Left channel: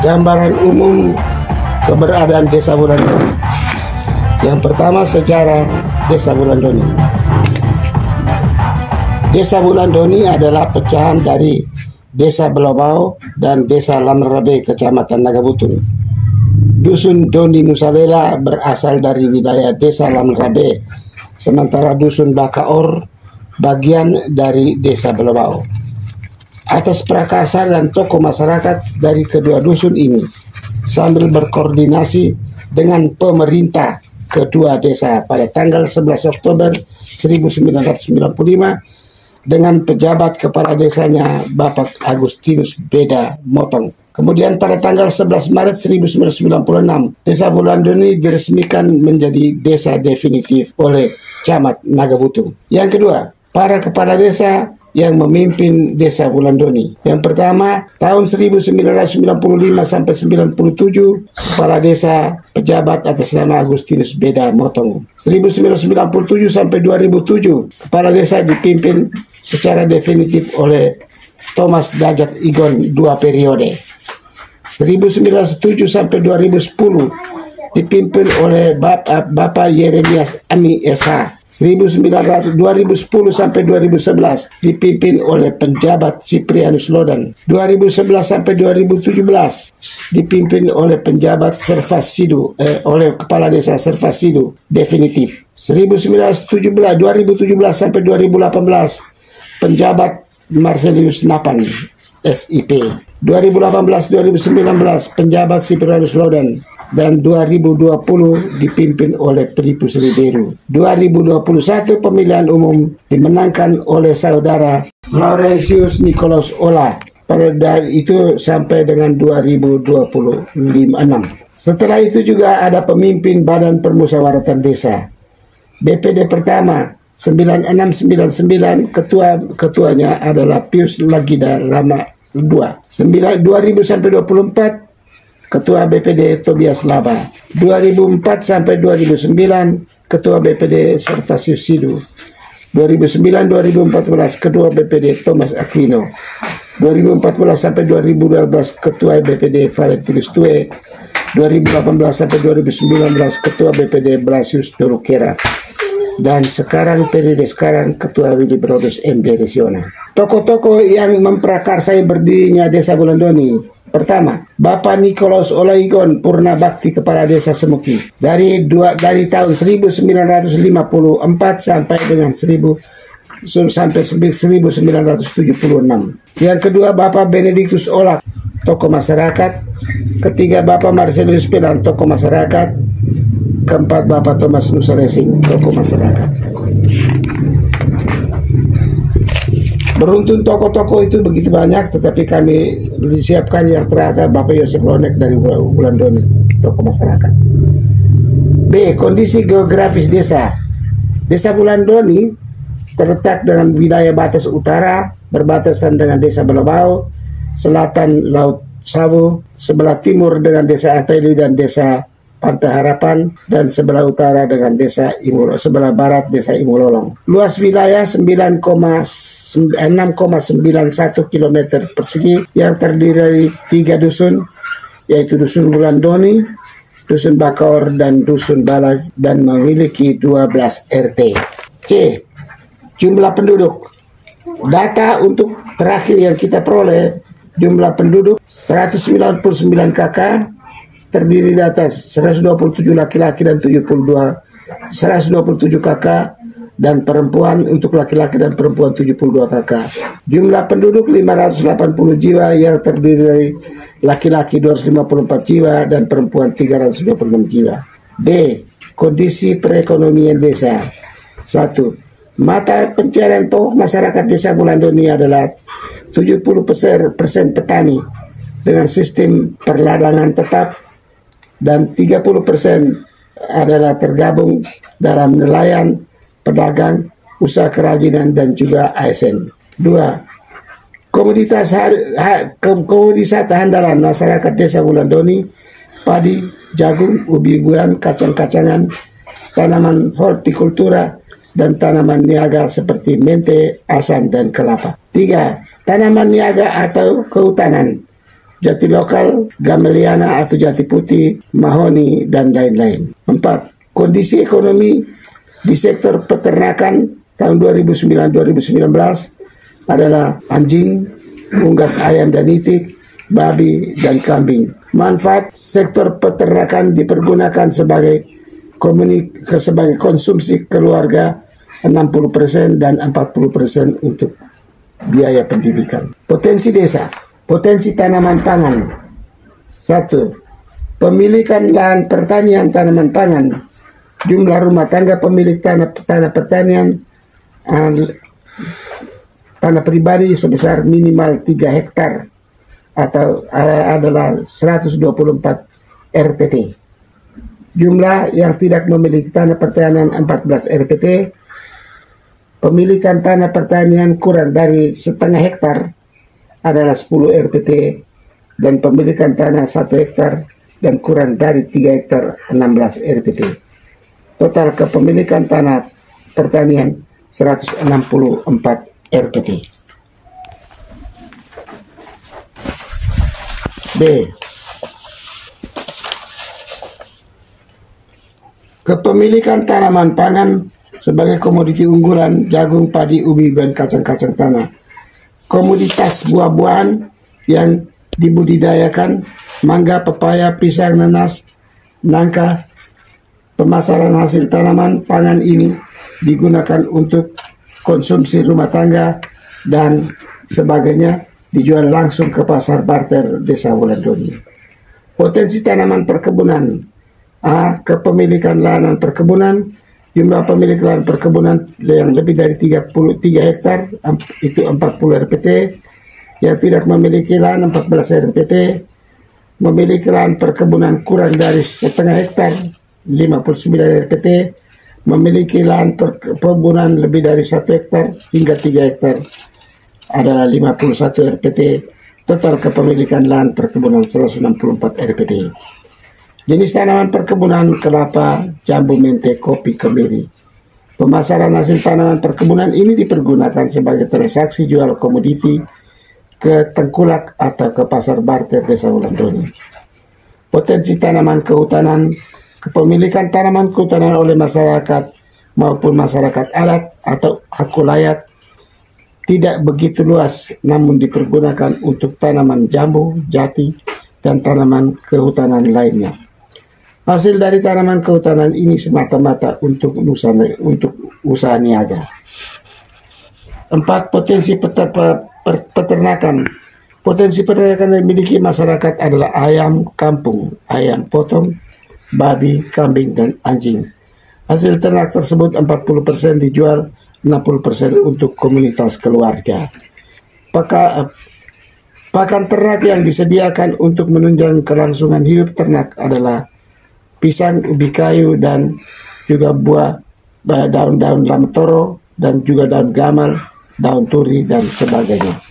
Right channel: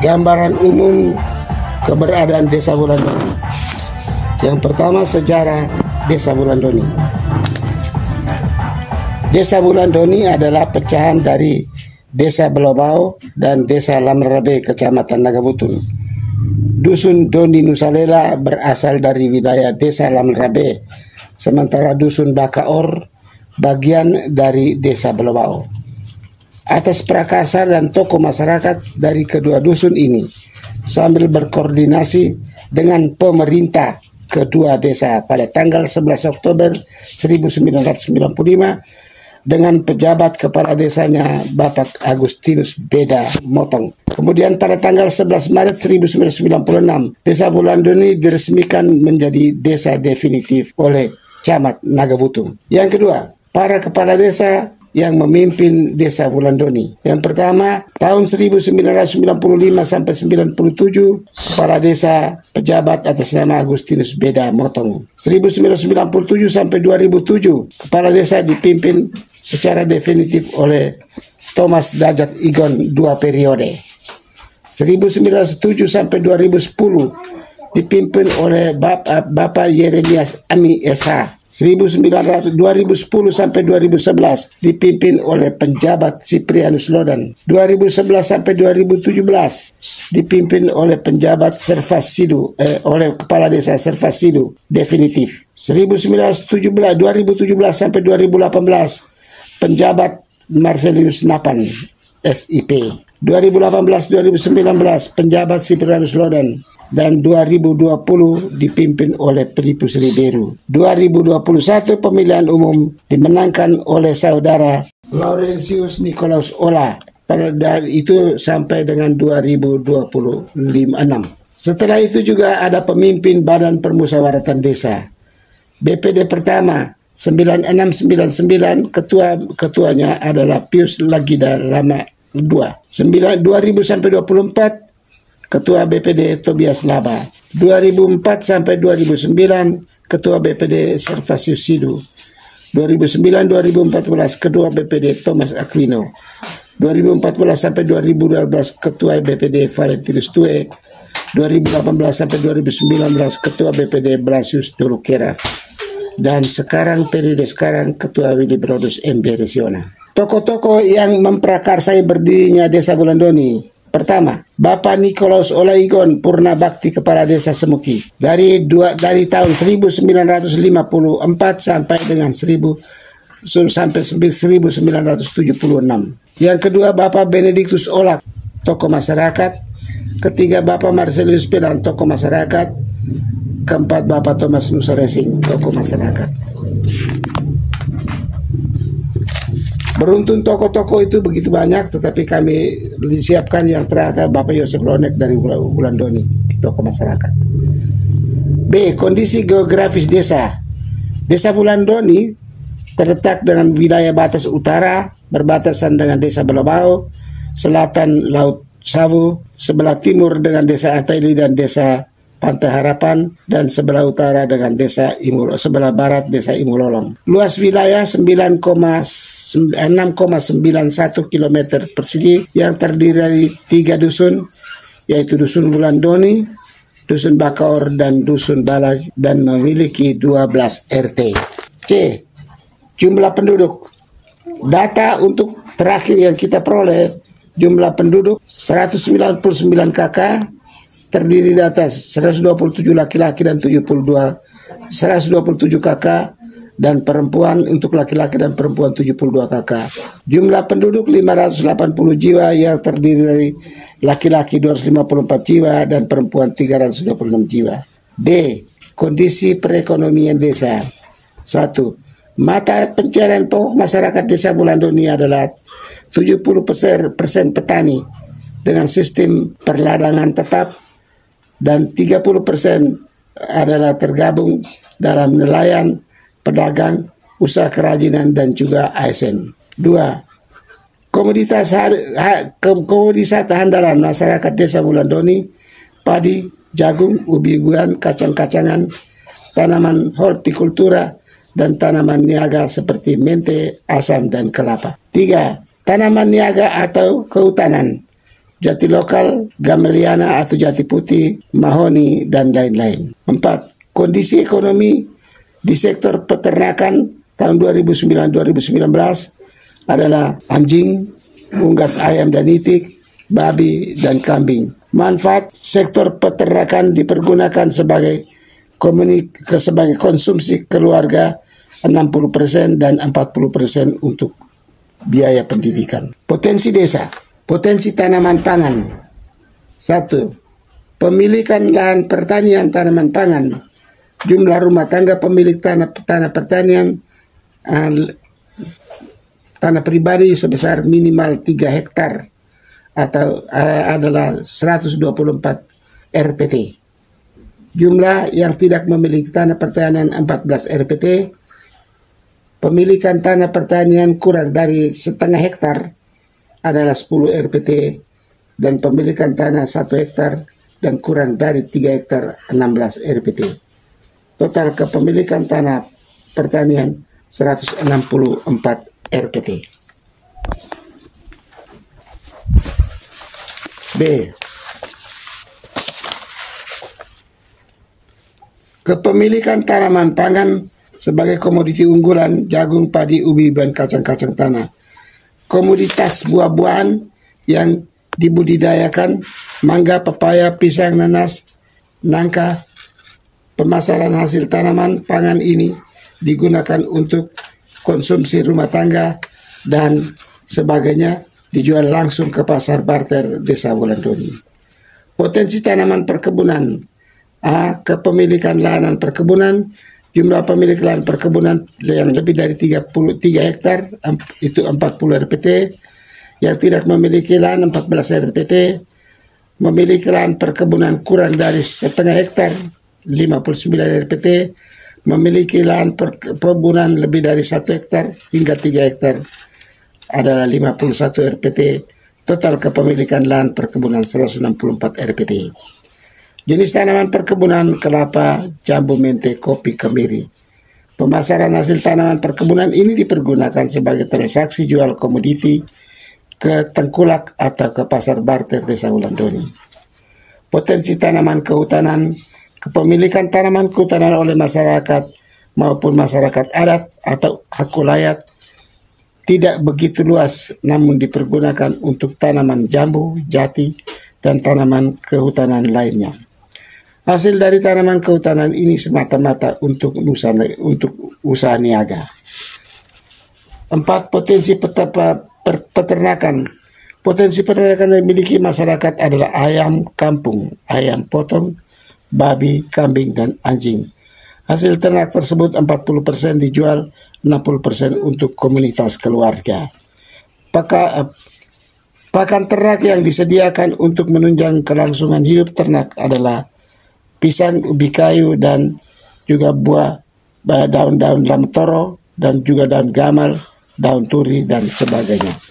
Gambaran umum keberadaan Desa Wulandoni. Yang pertama, sejarah Desa Wulandoni. Desa Wulandoni adalah pecahan dari Desa Belobau dan Desa Lamrabe, Kecamatan Nagabutul. Dusun Doni Nusalela berasal dari wilayah Desa Lamrabe, sementara Dusun Bakaor bagian dari Desa Belobau. Atas prakarsa dan tokoh masyarakat dari kedua dusun ini, sambil berkoordinasi dengan pemerintah kedua desa pada tanggal 11 Oktober 1995 dengan pejabat kepala desanya Bapak Agustinus Beda Motong. Kemudian pada tanggal 11 Maret 1996, Desa Wulandoni diresmikan menjadi desa definitif oleh Camat Nagabutul. Yang kedua, para kepala desa yang memimpin Desa Wulandoni. Yang pertama, tahun 1995 sampai 97, kepala desa pejabat atas nama Agustinus Beda Motong. 1997 sampai 2007, kepala desa dipimpin secara definitif oleh Thomas Dajak Igon 2 periode. 1907 sampai 2010 dipimpin oleh Bapak Yeremias Ami SH. 2010 sampai 2011 dipimpin oleh penjabat Siprianus Lodan. 2011 sampai 2017 dipimpin oleh penjabat Servasidu, oleh kepala desa Servasidu definitif. 2017 sampai 2018 penjabat Marcelius Napan SIP. 2018-2019 penjabat Siprianus Lodan, dan 2020 dipimpin oleh Pelipu Siliberu. 2021 pemilihan umum dimenangkan oleh saudara Laurentius Nikolaus Ola. Pada itu sampai dengan 2026. Setelah itu juga ada pemimpin Badan Permusyawaratan Desa. BPD pertama 9699, ketuanya adalah Pius Lagida Lama II. 2000 sampai 24 Ketua BPD Tobias Laba. 2004 sampai 2009 Ketua BPD Servasius Sidu. 2009-2014 Ketua BPD Thomas Aquino. 2014 sampai 2012 Ketua BPD Valentinus Tue. 2018 sampai 2019 Ketua BPD Blasius Dolokera. Dan sekarang, periode sekarang, Ketua Willy Brodus MB Resiona. Tokoh-tokoh yang memprakarsai berdirinya Desa Wulandoni. Pertama, Bapak Nikolaus Olaigon Purna Bakti Kepala Desa Semuki dari tahun 1954 sampai dengan 1976. Yang kedua, Bapak Benedictus Olak, tokoh masyarakat. Ketiga, Bapak Marcelius Pedang, tokoh masyarakat. Keempat, Bapak Thomas Nusaresing, tokoh masyarakat. Beruntung tokoh-tokoh itu begitu banyak, tetapi kami disiapkan yang terakhir Bapak Yosef Lonek dari Wulandoni, tokoh masyarakat. B. Kondisi geografis desa. Desa Wulandoni terletak dengan wilayah batas utara, berbatasan dengan Desa Belobau, selatan Laut Sawu, sebelah timur dengan Desa Ataili dan Desa Pantai Harapan, dan sebelah utara dengan sebelah barat Desa Imulolong. Luas wilayah 6,91 km persegi yang terdiri dari 3 dusun, yaitu Dusun Wulandoni, Dusun Bakaor, dan Dusun Balaj, dan memiliki 12 RT. C. Jumlah penduduk. Data untuk terakhir yang kita peroleh, jumlah penduduk 199 KK, terdiri di atas 127 laki-laki dan 127 kakak, dan perempuan untuk laki-laki dan perempuan 72 kakak. Jumlah penduduk 580 jiwa yang terdiri dari laki-laki 254 jiwa dan perempuan 326 jiwa. D. Kondisi perekonomian desa. 1. Mata pencarian pokok masyarakat Desa Wulandoni adalah 70% petani dengan sistem perladangan tetap, dan 30% adalah tergabung dalam nelayan, pedagang, usaha kerajinan, dan juga ASN. 2. Komoditas andalan masyarakat Desa Wulandoni: padi, jagung, ubi-ubian, kacang-kacangan, tanaman hortikultura, dan tanaman niaga seperti mente, asam, dan kelapa. 3. Tanaman niaga atau kehutanan: jati lokal, gameliana atau jati putih, mahoni, dan lain-lain. 4. Kondisi ekonomi di sektor peternakan tahun 2009-2019 adalah anjing, unggas ayam dan itik, babi, dan kambing. Manfaat sektor peternakan dipergunakan sebagai konsumsi keluarga 60% dan 40% untuk biaya pendidikan. Potensi desa, potensi tanaman pangan. 1. Pemilikan lahan pertanian tanaman pangan. Jumlah rumah tangga pemilik tanah pertanian tanah pribadi sebesar minimal 3 hektar atau adalah 124 RPT. Jumlah yang tidak memiliki tanah pertanian 14 RPT. Pemilikan tanah pertanian kurang dari setengah hektar adalah 10 RPT dan pemilikan tanah 1 hektar dan kurang dari 3 hektar 16 RPT. Total kepemilikan tanah pertanian 164 RPT. B. Kepemilikan tanaman pangan sebagai komoditi unggulan jagung, padi, ubi, dan kacang-kacang tanah. Komoditas buah-buahan yang dibudidayakan, mangga, pepaya, pisang, nanas, nangka. Pemasaran hasil tanaman pangan ini digunakan untuk konsumsi rumah tangga dan sebagainya, dijual langsung ke pasar barter Desa Wulandoni. Potensi tanaman perkebunan. A. Kepemilikan lahan perkebunan. Jumlah pemilik lahan perkebunan yang lebih dari 33 hektar itu 40 RPT. Yang tidak memiliki lahan 14 RPT. Memiliki lahan perkebunan kurang dari setengah hektar 59 RPT. Memiliki lahan perkebunan lebih dari 1 hektar hingga 3 hektar adalah 51 RPT. Total kepemilikan lahan perkebunan 164 RPT. Jenis tanaman perkebunan: kelapa, jambu, mente, kopi, kemiri. Pemasaran hasil tanaman perkebunan ini dipergunakan sebagai transaksi jual komoditi ke tengkulak atau ke pasar barter Desa Wulandoni. Potensi tanaman kehutanan. Kepemilikan tanaman kehutanan oleh masyarakat maupun masyarakat adat atau hakulayat tidak begitu luas, namun dipergunakan untuk tanaman jambu, jati, dan tanaman kehutanan lainnya. Hasil dari tanaman kehutanan ini semata-mata untuk usaha niaga. 4. Potensi peternakan. Potensi peternakan yang dimiliki masyarakat adalah ayam kampung, ayam potong, babi, kambing, dan anjing. Hasil ternak tersebut 40% dijual, 60% untuk komunitas keluarga. Pakan ternak yang disediakan untuk menunjang kelangsungan hidup ternak adalah pisang, ubi kayu, dan juga buah, daun-daun lamtoro, dan juga daun gamal, daun turi, dan sebagainya.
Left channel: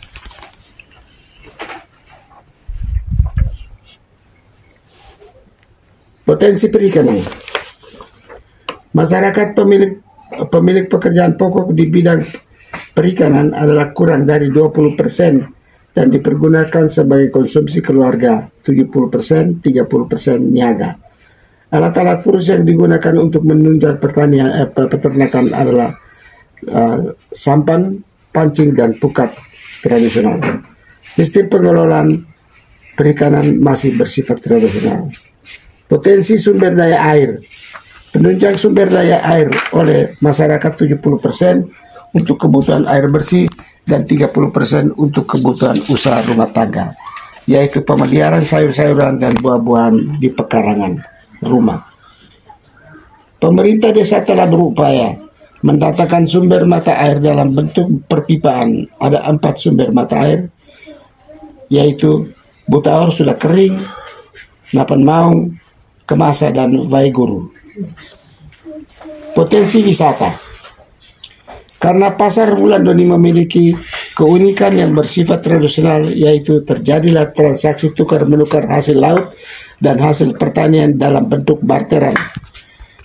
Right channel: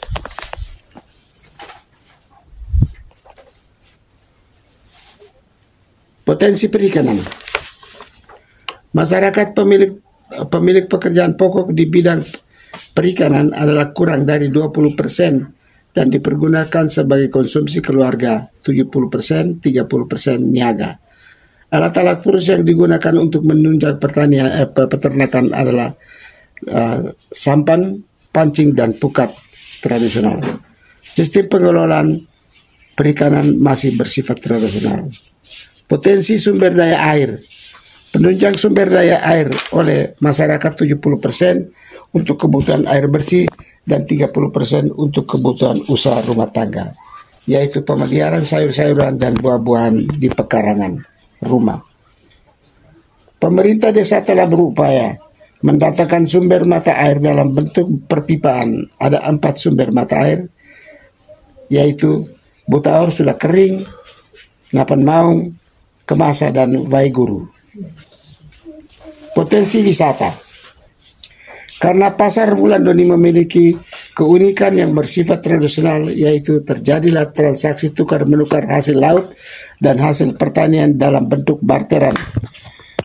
Potensi perikanan. Masyarakat pemilik pekerjaan pokok di bidang perikanan adalah kurang dari 20% dan dipergunakan sebagai konsumsi keluarga, 70%, 30% niaga. Alat-alat khusus yang digunakan untuk menunjang peternakan adalah sampan, pancing, dan pukat tradisional. Sistem pengelolaan perikanan masih bersifat tradisional. Potensi sumber daya air. Penunjang sumber daya air oleh masyarakat 70% untuk kebutuhan air bersih dan 30% untuk kebutuhan usaha rumah tangga, yaitu pemeliharaan sayur-sayuran dan buah-buahan di pekarangan rumah. Pemerintah desa telah berupaya mendatangkan sumber mata air dalam bentuk perpipaan. Ada 4 sumber mata air, yaitu Butaur sudah kering, Napan Maung, Kemasa, dan Waiguru. Potensi wisata. Karena pasar Wulandoni memiliki keunikan yang bersifat tradisional, yaitu terjadilah transaksi tukar-menukar hasil laut dan hasil pertanian dalam bentuk barteran.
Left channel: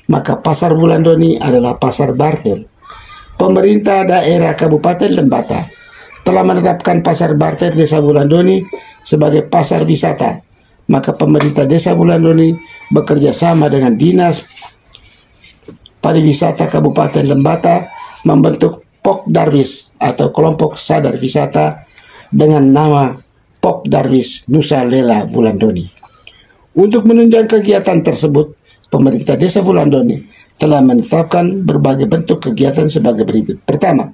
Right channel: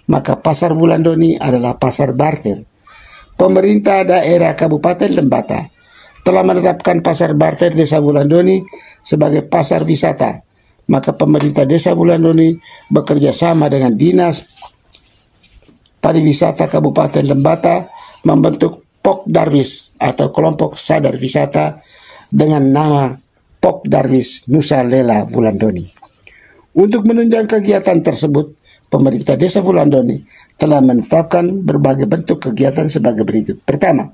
Maka pasar Wulandoni adalah pasar barter. Pemerintah daerah Kabupaten Lembata telah menetapkan pasar barter Desa Wulandoni sebagai pasar wisata, maka pemerintah Desa Wulandoni bekerja sama dengan Dinas Pariwisata Kabupaten Lembata membentuk Pok Darwis atau kelompok sadar wisata dengan nama Pok Darwis Nusa Lela Wulandoni. Untuk menunjang kegiatan tersebut, pemerintah Desa Wulandoni telah menetapkan berbagai bentuk kegiatan sebagai berikut. Pertama,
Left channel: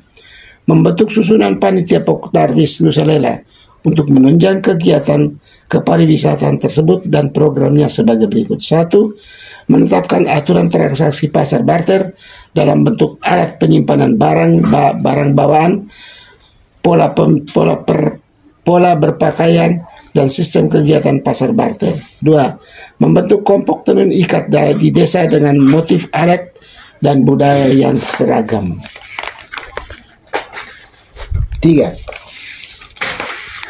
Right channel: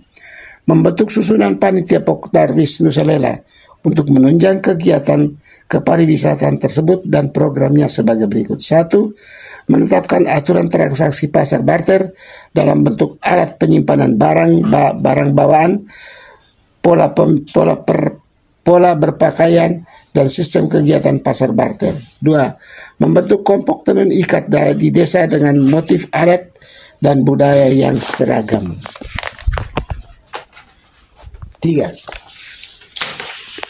membentuk susunan panitia Pok Darwis Nusa Lela untuk menunjang kegiatan kepariwisataan tersebut dan programnya sebagai berikut. 1. Menetapkan aturan transaksi pasar barter dalam bentuk alat penyimpanan barang bawaan, pola berpakaian, dan sistem kegiatan pasar barter. 2. Membentuk kelompok tenun ikat di desa dengan motif adat dan budaya yang seragam. 3.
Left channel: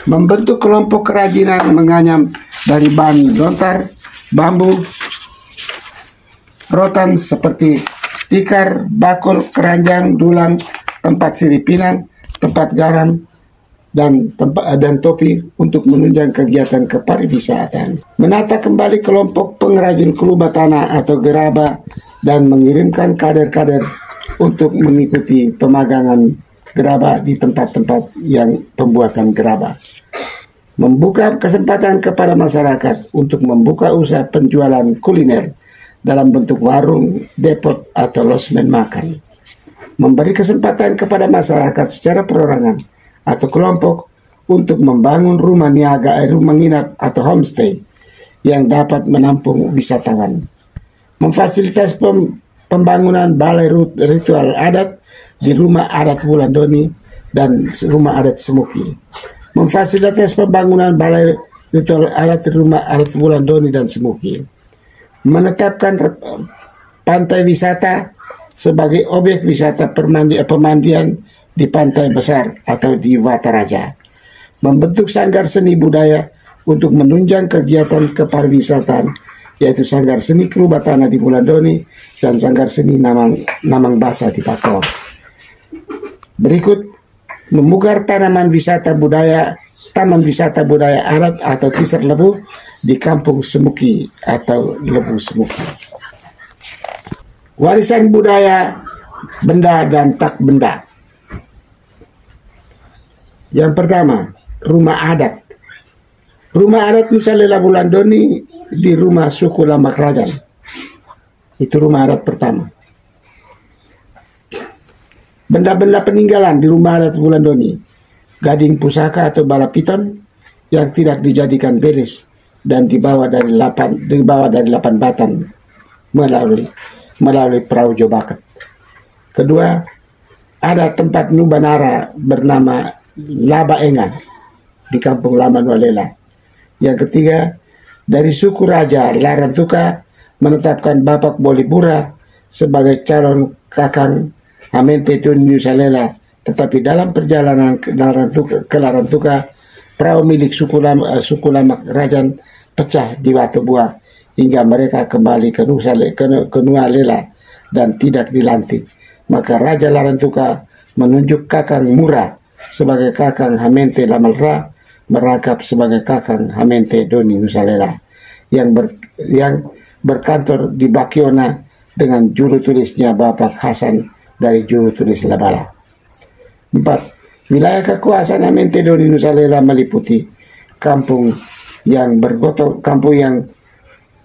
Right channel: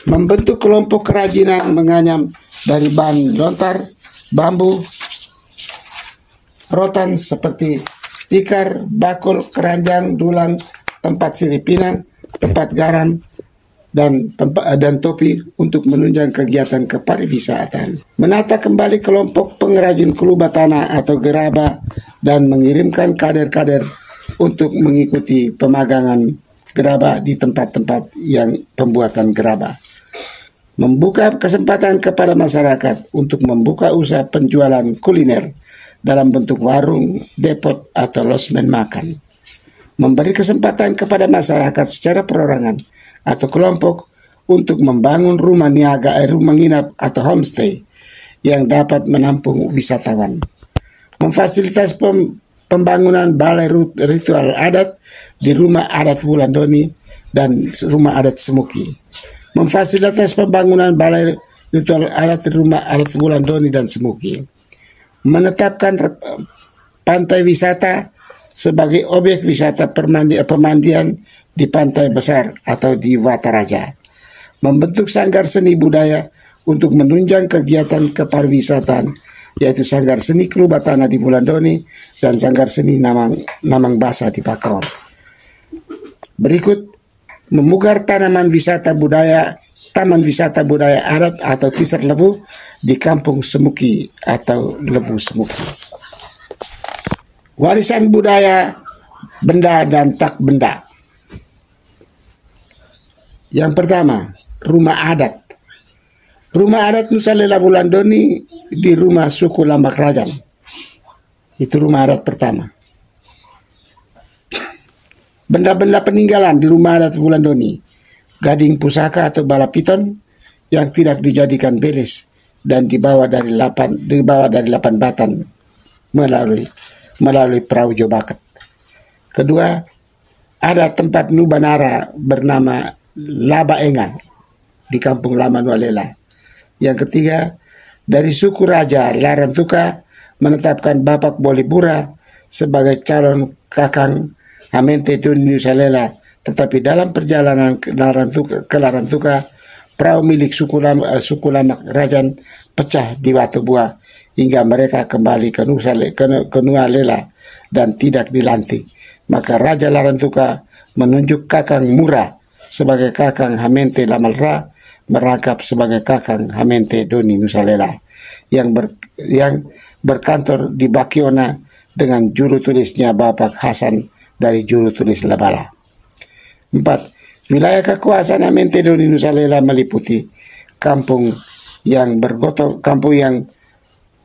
Membentuk kelompok kerajinan menganyam dari bahan lontar, bambu, rotan seperti tikar, bakul, keranjang, dulang, tempat sirip pinang, tempat garam, dan topi untuk menunjang kegiatan kepariwisataan. Menata kembali kelompok pengrajin kelubah tanah atau gerabah dan mengirimkan kader-kader untuk mengikuti pemagangan gerabah di tempat-tempat yang pembuatan gerabah. Membuka kesempatan kepada masyarakat untuk membuka usaha penjualan kuliner dalam bentuk warung, depot, atau losmen makan. Memberi kesempatan kepada masyarakat secara perorangan atau kelompok untuk membangun rumah niaga, rumah nginap atau homestay yang dapat menampung wisatawan. Memfasilitasi pembangunan balai ritual adat di rumah adat Wulandoni dan rumah adat Semuki. Memfasilitasi pembangunan balai ritual adat di rumah adat Wulandoni dan Semuki. Menetapkan pantai wisata sebagai objek wisata pemandian di pantai besar atau di Wataraja. Membentuk sanggar seni budaya untuk menunjang kegiatan kepariwisataan, yaitu sanggar seni kelubah tanah di Wulandoni dan sanggar seni Namang Basa di Pakor. Berikut, memukar taman wisata budaya adat atau Tisar Lebu di Kampung Semuki atau Lebu Semuki. Warisan budaya, benda dan tak benda. Yang pertama, rumah adat. Rumah adat Nusa Lela Wulandoni di rumah suku Lambak Rajan. Itu rumah adat pertama. Benda-benda peninggalan di rumah adat Wulandoni. Gading pusaka atau balapiton yang tidak dijadikan belis dan dibawa dari 8 batan melalui perahu jobaket. Kedua, ada tempat Nubanara bernama Laba Enga di Kampung Lama Nualela. Yang ketiga, dari suku Raja Larantuka menetapkan Bapak Bolibura sebagai calon kakang Hamente Doni Nusa Lela, tetapi dalam perjalanan ke Larantuka, perahu milik suku Lama Rajan pecah di Batu Buah hingga mereka kembali ke Nualela dan tidak dilantik. Maka Raja Larantuka menunjuk Kakang Mura sebagai Kakang Hamente Lamalra, merangkap sebagai Kakang Hamente Doni Nusa Lela yang berkantor di Bakiona dengan juru tulisnya Bapak Hasan dari juru tulis Labala. 4. Wilayah kekuasaan Hamente Doni Nusa Lela meliputi kampung yang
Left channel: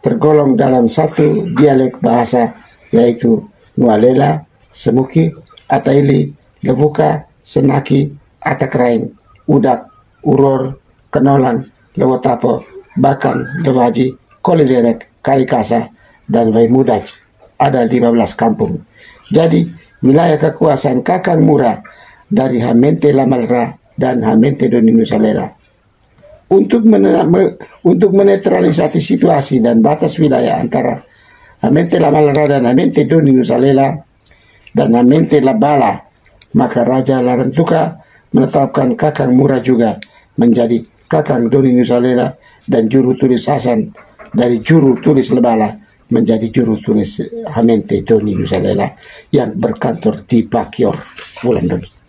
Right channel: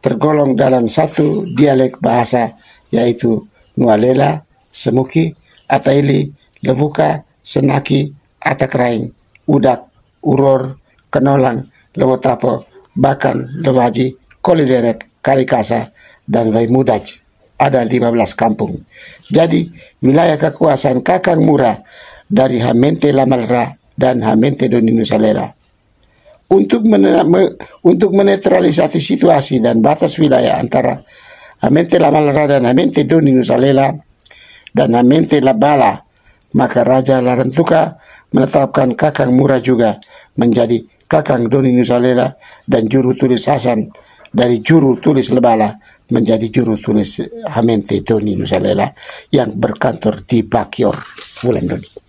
tergolong dalam satu dialek bahasa, yaitu Nualela, Semuki, Ataili, Levuka, Senaki, Atakraing, Udak, Uror, Kenolang, Lewotapo, Bakan, Lewaji, Kolilerek, Kalikasa, dan Waimudaj. Ada 15 kampung. Jadi, wilayah kekuasaan Kakang Mura dari Hamente Lamalra dan Hamente Doni Nusa Lela. Untuk menetralisasi situasi dan batas wilayah antara Hamente Lamalra dan Hamente Doni Nusa Lela dan Hamente Labala, maka Raja Larantuka menetapkan Kakang Mura juga menjadi Kakang Doni Nusa Lela dan juru tulis Hasan dari juru tulis Labala menjadi juru tulis Hamente Doni Nusa Lela yang berkantor di Bakior, Wulandoni.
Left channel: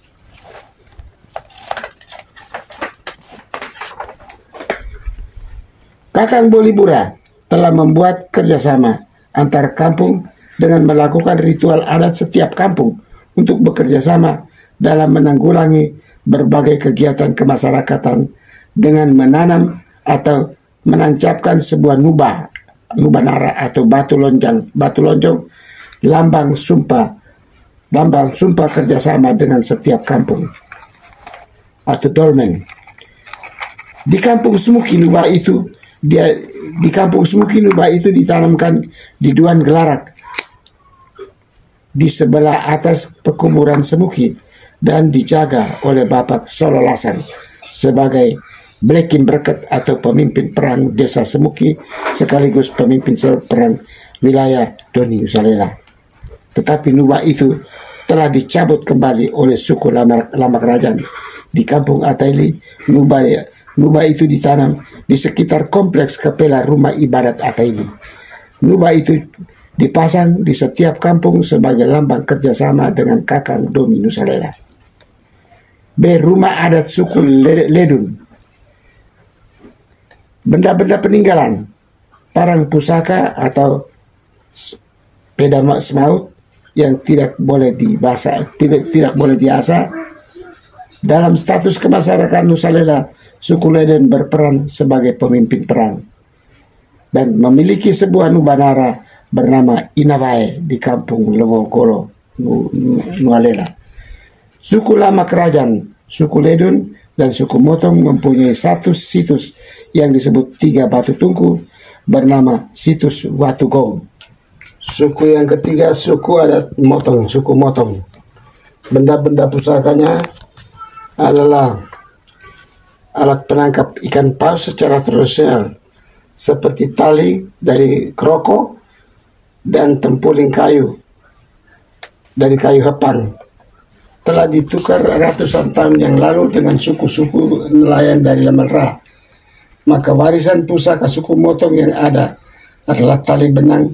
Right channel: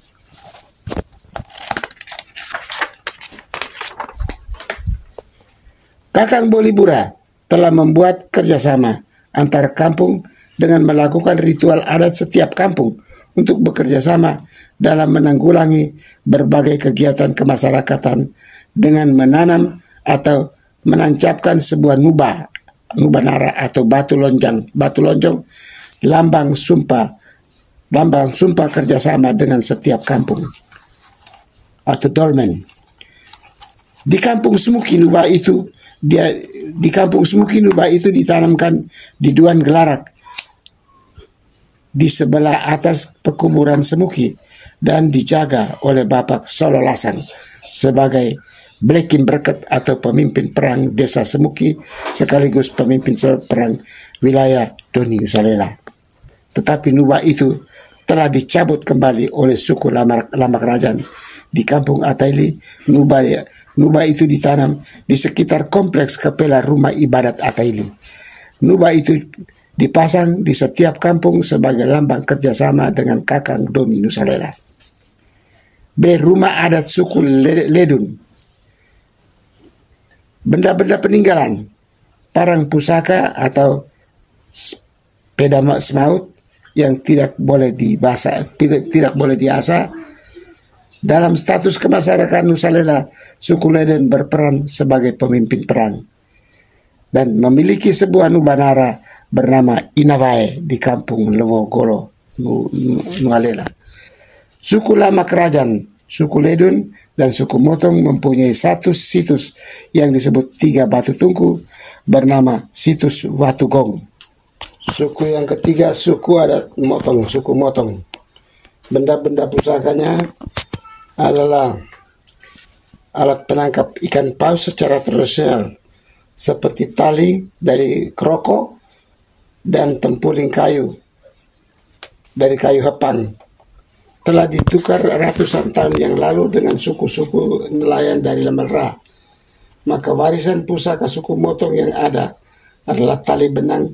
Kakang Bolibura telah membuat kerjasama antar kampung dengan melakukan ritual adat setiap kampung untuk bekerja sama dalam menanggulangi berbagai kegiatan kemasyarakatan dengan menanam atau menancapkan sebuah nubanara atau batu lonjong, lambang sumpah kerjasama dengan setiap kampung atau dolmen. Di kampung Semuki Nuba itu ditanamkan di Duan Gelarak di sebelah atas pekuburan Semuki dan dijaga oleh Bapak Solo Lasang sebagai Blekin Berket atau pemimpin perang desa Semuki sekaligus pemimpin perang wilayah Doni Nusalela. Tetapi Nuba itu telah dicabut kembali oleh suku Lama Kerajaan. Di kampung Ataili, Nuba itu ditanam di sekitar kompleks Kapela Rumah Ibadat Ataili. Nuba itu dipasang di setiap kampung sebagai lambang kerjasama dengan Kakang Doni Nusalela. B. Rumah adat suku Ledun. Benda-benda peninggalan, parang pusaka atau sepeda semaut yang tidak boleh diasah. Dalam status kemasyarakatan Nusalela, suku Ledun berperan sebagai pemimpin perang dan memiliki sebuah nubanara bernama Inawai di kampung Lewogolo, Nualela. Suku Lama Kerajaan, suku Ledun, dan suku Motong mempunyai satu situs yang disebut 3 batu tungku bernama situs Watugong. Suku yang ketiga, suku adat Motong, suku Motong. Benda-benda pusakanya adalah alat penangkap ikan paus secara tradisional seperti tali dari kroko dan tempuling kayu dari kayu hepang. Telah ditukar ratusan tahun yang lalu dengan suku-suku nelayan dari Lamelra. Maka warisan pusaka suku Motong yang ada adalah tali benang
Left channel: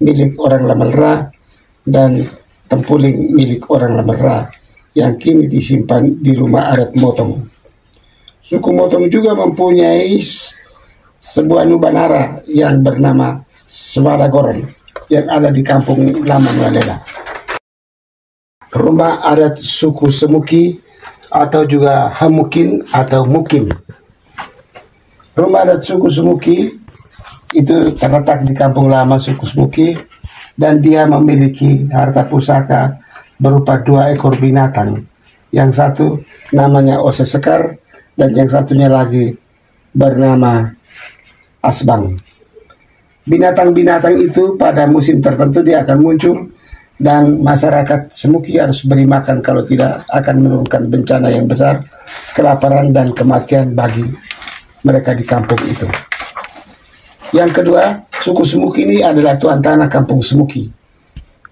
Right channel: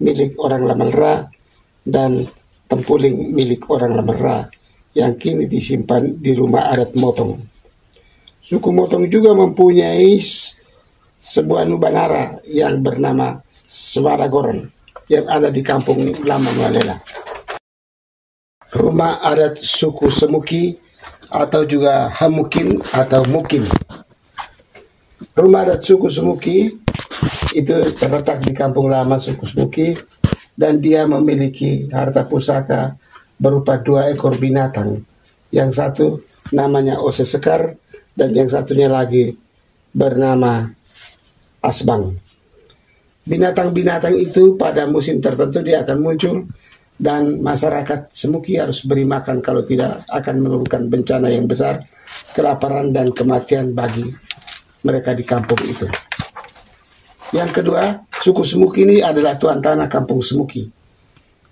milik orang Lamelra dan tempuling milik orang Lamelra yang kini disimpan di rumah adat Motong. Suku Motong juga mempunyai sebuah nubanara yang bernama Swadagoron yang ada di kampung Lama Nualela. Rumah adat suku Semuki atau juga Hamukin atau Mukim. Rumah adat suku Semuki itu terletak di kampung lama suku Semuki dan dia memiliki harta pusaka berupa 2 ekor binatang. Yang satu namanya Ose Sekar dan yang satunya lagi bernama Asbang. Binatang-binatang itu pada musim tertentu dia akan muncul dan masyarakat Semuki harus beri makan, kalau tidak akan menurunkan bencana yang besar, kelaparan dan kematian bagi mereka di kampung itu. Yang kedua, suku Semuki ini adalah tuan tanah kampung Semuki.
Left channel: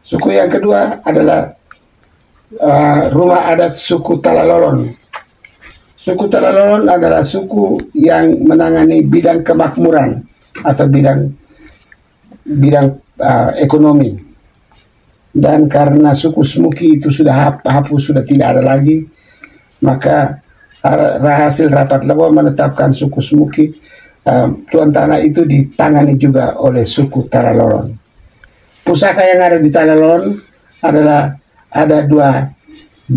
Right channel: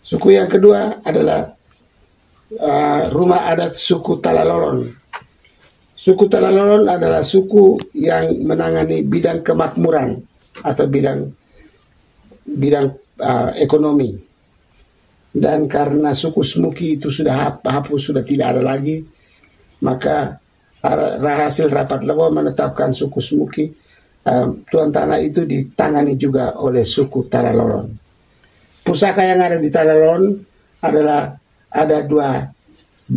Suku yang kedua adalah rumah adat suku Talalolon. Suku Talalolon adalah suku yang menangani bidang kemakmuran atau bidang ekonomi. Dan karena suku Semuki itu sudah hapus, sudah tidak ada lagi, maka hasil rapat Lebo menetapkan suku Semuki tuan tanah itu ditangani juga oleh suku Talalolon. Pusaka yang ada di Talalolon adalah ada 2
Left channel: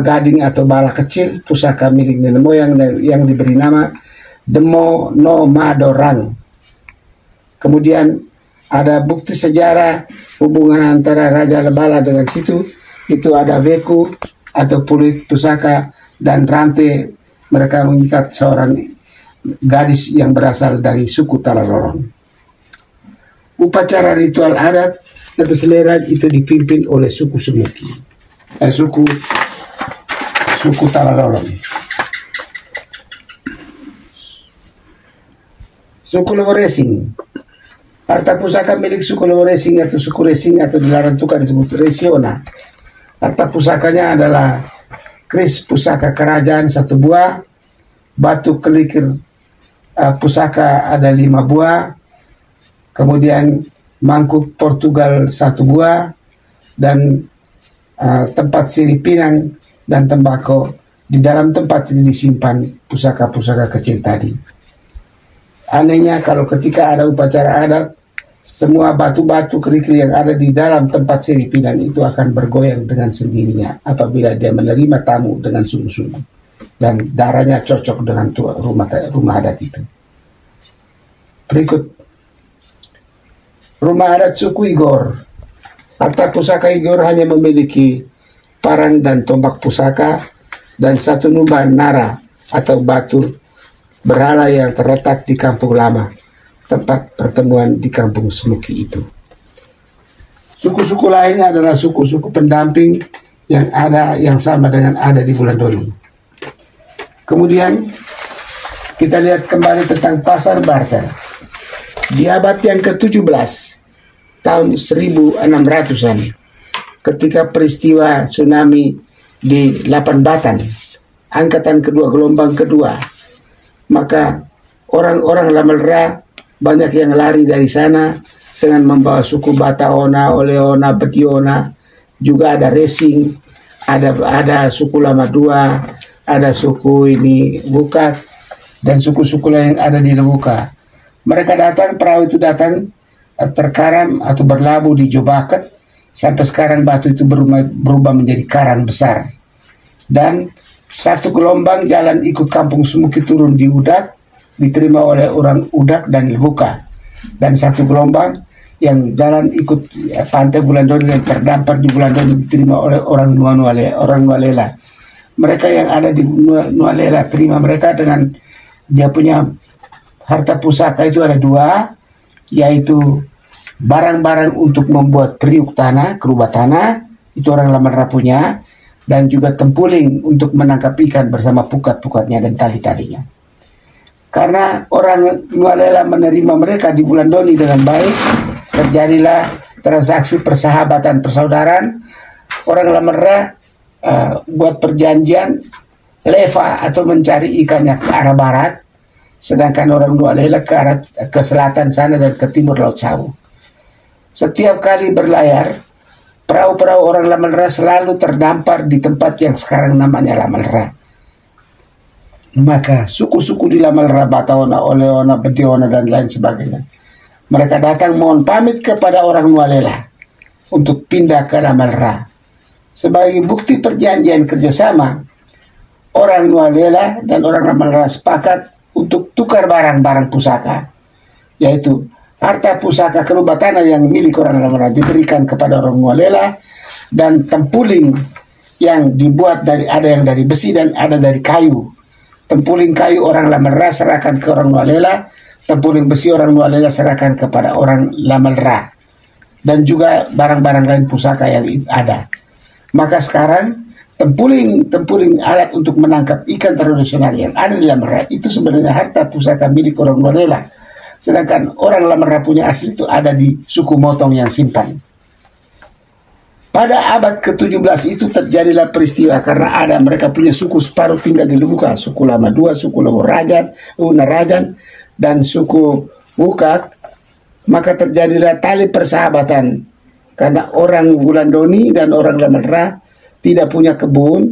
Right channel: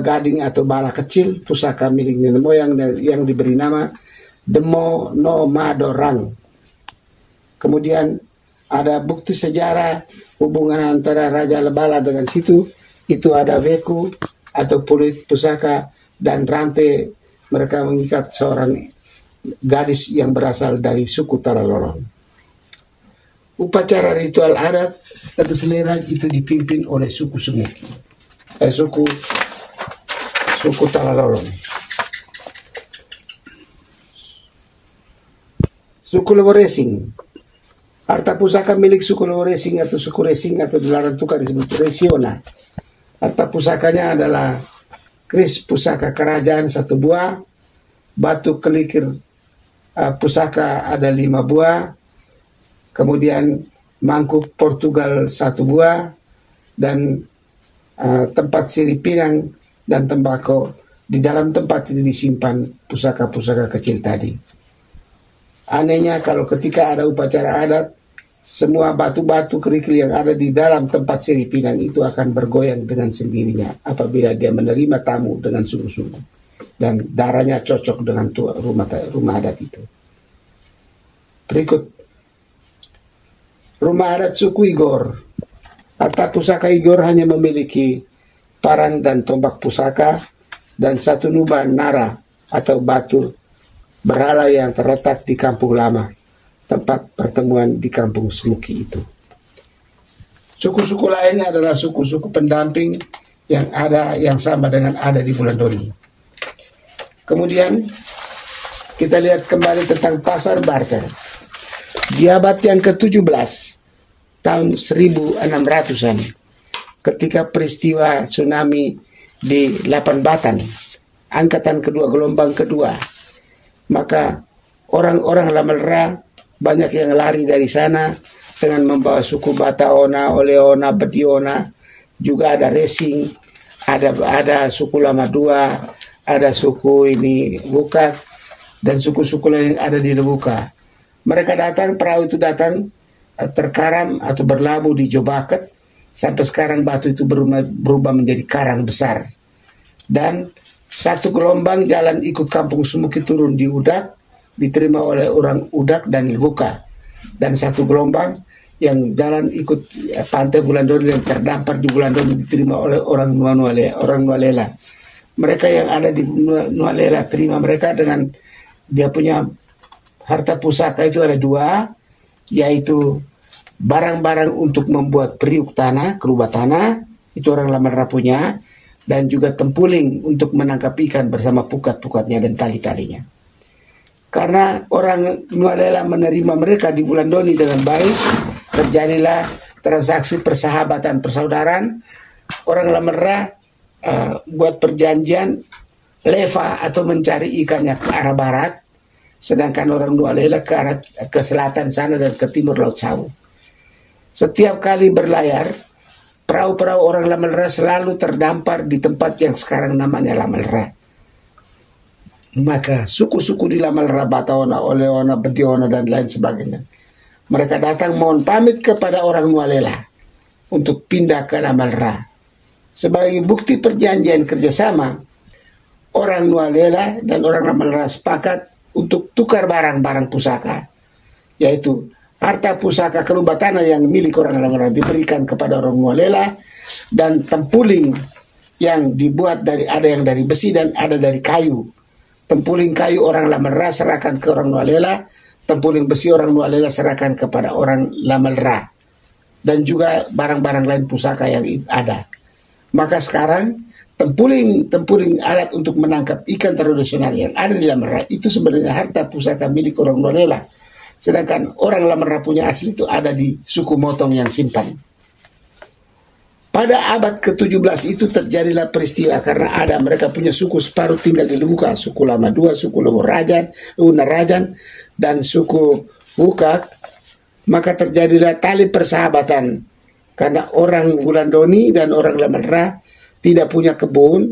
gading atau bala kecil, pusaka milik nenek moyang yang diberi nama Demo no Madorang. Kemudian ada bukti sejarah hubungan antara Raja Lebala dengan situ, itu ada beku atau pulut pusaka dan rantai mereka mengikat seorang gadis yang berasal dari suku Talalolon. Upacara ritual adat tetes selera itu dipimpin oleh suku Semuki, suku Talalolon. Suku Leworesing. Harta pusaka milik suku Leworesing atau suku Resing atau dilarang tukar disebut Resiona. Harta pusakanya adalah kris pusaka kerajaan 1 buah, batu kelikir pusaka ada 5 buah, kemudian mangkuk Portugal 1 buah, dan tempat sirip pinang dan tembakau. Di dalam tempat ini disimpan pusaka-pusaka kecil tadi. Anehnya kalau ketika ada upacara adat, semua batu-batu kerikil yang ada di dalam tempat Seri Pinang itu akan bergoyang dengan sendirinya apabila dia menerima tamu dengan sungguh-sungguh dan darahnya cocok dengan rumah adat itu. Berikut, rumah adat suku Igor. Harta pusaka Igor hanya memiliki parang dan tombak pusaka dan satu nuba nara atau batu berhala yang terletak di kampung lama, tempat pertemuan di kampung Semuki itu. Suku-suku lain adalah suku-suku pendamping yang sama dengan ada di Bulan Doni. Kemudian kita lihat kembali tentang pasar barter. Di abad yang ke-17 tahun 1600-an, ketika peristiwa tsunami di Lapan Batan, angkatan kedua, gelombang kedua, maka orang-orang Lamelra banyak yang lari dari sana dengan membawa suku Bataona, Oleona, Bediona, juga ada Resing, ada suku Lama Dua, ada suku ini Wukak, dan suku-suku lain yang ada di Lebuka. Mereka datang, perahu itu datang, terkaram atau berlabuh di Jobaket, sampai sekarang batu itu berubah menjadi karang besar. Dan satu gelombang jalan ikut kampung Semuki turun di Udak, diterima oleh orang Udak dan Lebuka. Dan satu gelombang yang jalan ikut pantai Bulan Doni yang terdampar di Bulan Doni diterima oleh orang Nualela. Mereka yang ada di Nualela terima mereka dengan dia punya harta pusaka itu ada dua, yaitu barang-barang untuk membuat periuk tanah, kerubah tanah, itu orang Lamelra punya, dan juga tempuling untuk menangkap ikan bersama pukat-pukatnya dan tali-talinya. Karena orang Nualela menerima mereka di Bulan Doni dengan baik, terjadilah transaksi persahabatan, persaudaraan. Orang Lamelra buat perjanjian leva atau mencari ikannya ke arah barat, sedangkan orang Nualela ke selatan sana dan ke timur Laut Sawu. Setiap kali berlayar, perahu-perahu orang Lamelra selalu terdampar di tempat yang sekarang namanya Lamelra. Maka suku-suku di Lamelra, Bataona, Oleona, Bediona, dan lain sebagainya, mereka datang mohon pamit kepada orang Nualela untuk pindah ke Lamelra. Sebagai bukti perjanjian kerjasama, orang Nualela dan orang Lamelra sepakat untuk tukar barang-barang pusaka, yaitu harta pusaka kerubah tanah yang milik orang Lamelra diberikan kepada orang Nualela, dan tempuling yang dibuat ada yang dari besi dan ada dari kayu. Tempuling kayu orang Lamelra serahkan ke orang Nualela, tempuling besi orang Nualela serahkan kepada orang Lamelra, dan juga barang-barang lain pusaka yang ada. Maka sekarang tempuling alat untuk menangkap ikan tradisional yang ada di Lamelra itu sebenarnya harta pusaka milik orang Nualela, sedangkan orang Lamelra punya asli itu ada di suku Motong yang simpan. Pada abad ke-17 itu terjadilah peristiwa karena mereka punya suku separuh tinggal di Lebuka, suku Lama Dua, suku Unarajan, dan suku Wukak. Maka terjadilah tali persahabatan karena orang Bulan Doni dan orang Lamelra tidak punya kebun,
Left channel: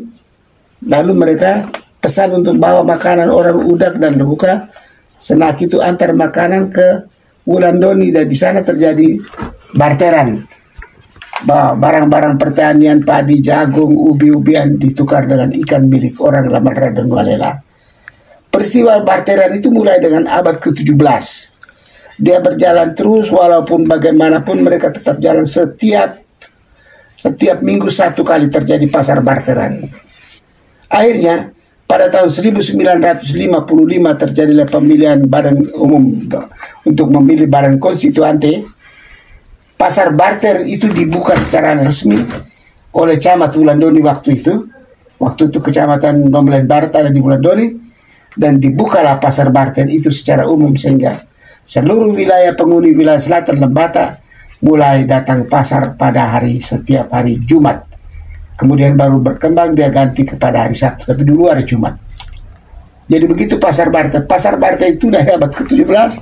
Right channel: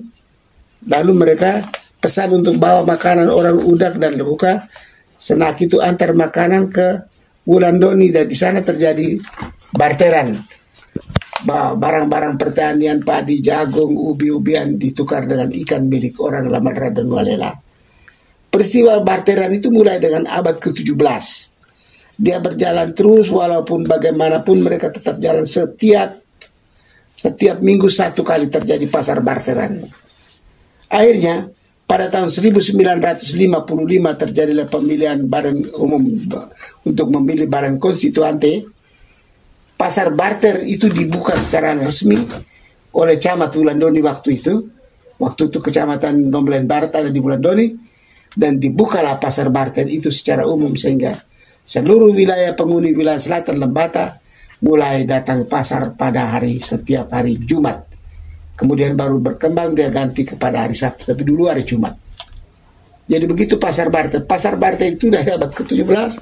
lalu mereka pesan untuk bawa makanan orang Udak dan Lebuka. Senak itu antar makanan ke Bulan Doni, dan di sana terjadi barteran. Barang-barang pertanian, padi, jagung, ubi-ubian ditukar dengan ikan milik orang Lamelra dan Nualela. Peristiwa barteran itu mulai dengan abad ke-17. Dia berjalan terus walaupun bagaimanapun mereka tetap jalan setiap minggu satu kali terjadi pasar barteran. Akhirnya pada tahun 1955 terjadilah pemilihan badan umum untuk memilih badan konstituante. Pasar barter itu dibuka secara resmi oleh Camat Bulan Doni waktu itu. Waktu itu Kecamatan Nomlen Barat ada di Bulan Doni, dan dibukalah pasar barter itu secara umum sehingga seluruh wilayah penghuni wilayah selatan Lembata mulai datang pasar pada setiap hari Jumat. Kemudian baru berkembang dia ganti kepada hari Sabtu, tapi dulu hari Jumat. Jadi begitu pasar barter. Pasar barter itu dari abad ke-17.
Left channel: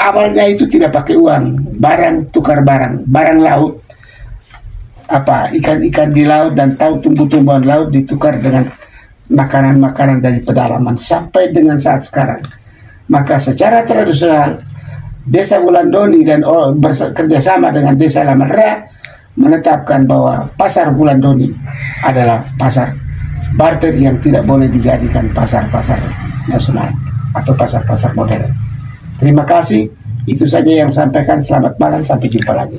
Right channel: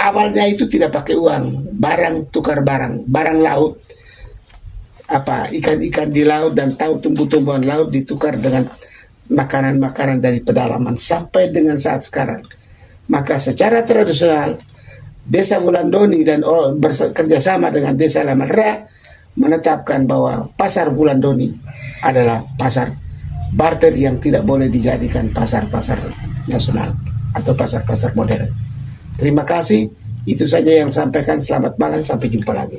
Awalnya itu tidak pakai uang, barang tukar barang laut, ikan-ikan di laut dan tumbuh-tumbuhan laut ditukar dengan makanan-makanan dari pedalaman sampai dengan saat sekarang. Maka secara tradisional Desa Wulandoni dan bekerja sama dengan Desa Lamanra menetapkan bahwa pasar Wulandoni adalah pasar barter yang tidak boleh dijadikan pasar-pasar nasional atau pasar-pasar modern. Terima kasih, itu saja yang sampaikan. Selamat malam, sampai jumpa lagi.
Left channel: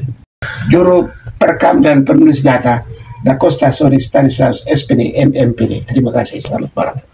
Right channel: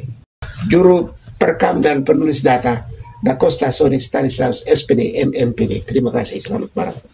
Juru perekam dan penulis data Da Costa Soni Stanislaus SPD MMPD. Terima kasih, selamat malam.